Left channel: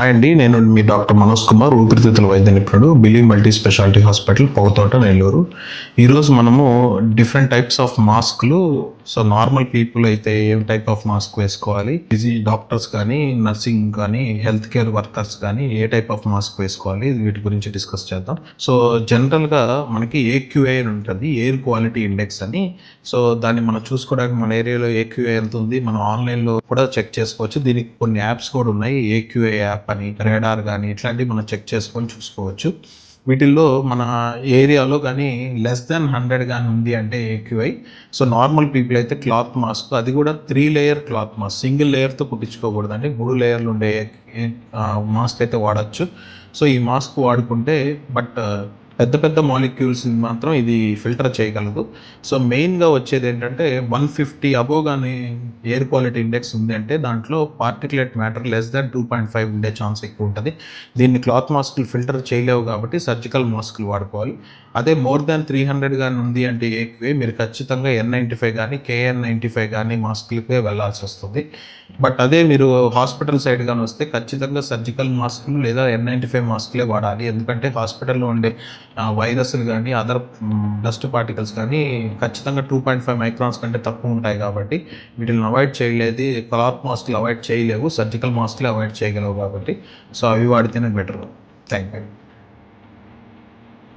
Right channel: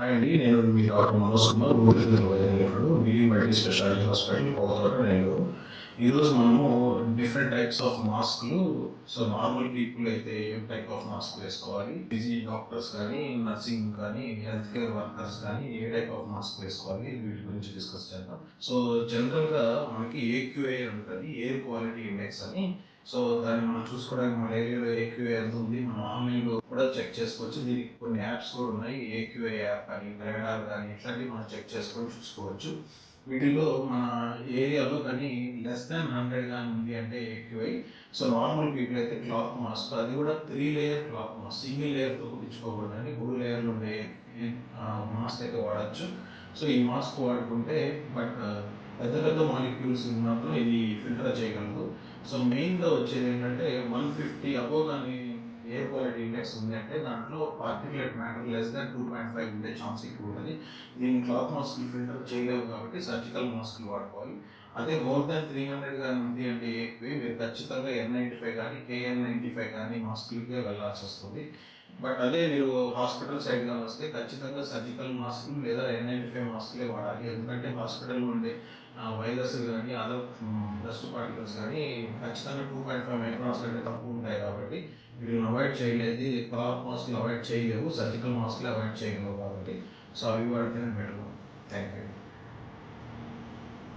Hi అండి. నేను మీ doctor Manoj Kumar, ఊపిరితిత్తుల వైద్య నిపుణుడు, believe multi speciality hospital, Pouthota, Nellore. ఈరోజు మనము డిఫరెంట్ టైప్స్ ఆఫ్ మాస్కులు, సో నార్మల్ పీపుల్ అయితే ఏం టైప్ ఆఫ్ మాస్క్ వేసుకోవాలి, బిజీ డాక్టర్స్ కానీ, నర్సింగ్ కానీ, హెల్త్ కేర్ వర్కర్స్ కానీ ఏ టైప్ ఆఫ్ మాస్క్ వేసుకోవాలి, వీటి గురించి డిస్కస్ చేద్దాం. సో జనరల్గా మనకి ఏక్యూఐ అని ఉంటుంది, ఎయిర్ క్వాలిటీ ఇండెక్స్ అని. సో దాన్ని మనం చూసుకోవడానికి మన ఏరియాలో ఏక్యూఐ ఎంత ఉంది, మనం ఆన్లైన్లో కూడా చెక్ చేసుకోవచ్చు. దీనికి కొన్ని యాప్స్ కూడా ఉన్నాయి, ఏక్యూఐ యాప్ అని, రేడార్ కానీ ఇట్లాంటివి మనం చెక్ చేసుకొని చూసుకోవచ్చు. వీటిల్లో మన ఏరియాలో కానీ లెస్ దాన్ 100 కానీ ఉంది అంటే ఏక్యూఐ. సో నార్మల్ పీపుల్ అయితే క్లాత్ మాస్క్, అది కూడా 3 లేయర్ క్లాత్ మాస్క్, సింగిల్ లేయర్తో కుట్టించుకోకూడదండి, 3 లేయర్లు ఉండే మాస్క్ అయితే వాడచ్చు. సో ఈ మాస్క్ వాడుకుంటే బట్ పెద్ద పెద్ద మాలిక్యూల్స్ మాత్రం ఇది ఫిల్టర్ చేయగలదు. సో మెయిన్గా వచ్చేది ఏంటంటే 150 అబోవ్ కానీ ఎయిర్ క్వాలిటీ ఇండెక్స్ ఉంది అంటే దాంట్లో పార్టికులేట్ మ్యాటర్ లెస్ దాన్ 2.5 ఉండే ఛాన్స్ ఎక్కువ ఉంటుంది. దీన్ని క్లాత్ మాస్కులు ఫిల్టర్ చేయలేవు కాబట్టి సర్జికల్ మాస్కులు వాడుకోవాలి. అదే మోర్ దాన్ 300 కానీ ఉంది అంటే ఏక్వే మీరు ఖచ్చితంగా N95 కానీ KN95 కానీ మాస్కులకే వెళ్ళాల్సి వస్తుంది. బట్ అదే మీరు హాస్పిటల్ సైడ్ కానీ వస్తే ఖచ్చితంగా సర్జికల్ మాస్కులు లేదా N95 మాస్కులే వాడాలి. ఎందుకంటే హాస్పిటల్లో ఉండే వైరస్లు కానీ అదర్ డస్ట్ పార్టికల్స్ కానీ ఖచ్చితంగా 2.5 మైక్రాన్స్ కంటే తక్కువ ఉంటాయి కాబట్టి వీటిని అవాయిడ్ చేయలేదు. క్లాత్ మాస్కులు అవాయిడ్ చేయలేవు, సర్జికల్ మాస్కులు అవాయిడ్ చేయగలవు కాబట్టి సో అవి వాడితేనే బెటర్. Thank you.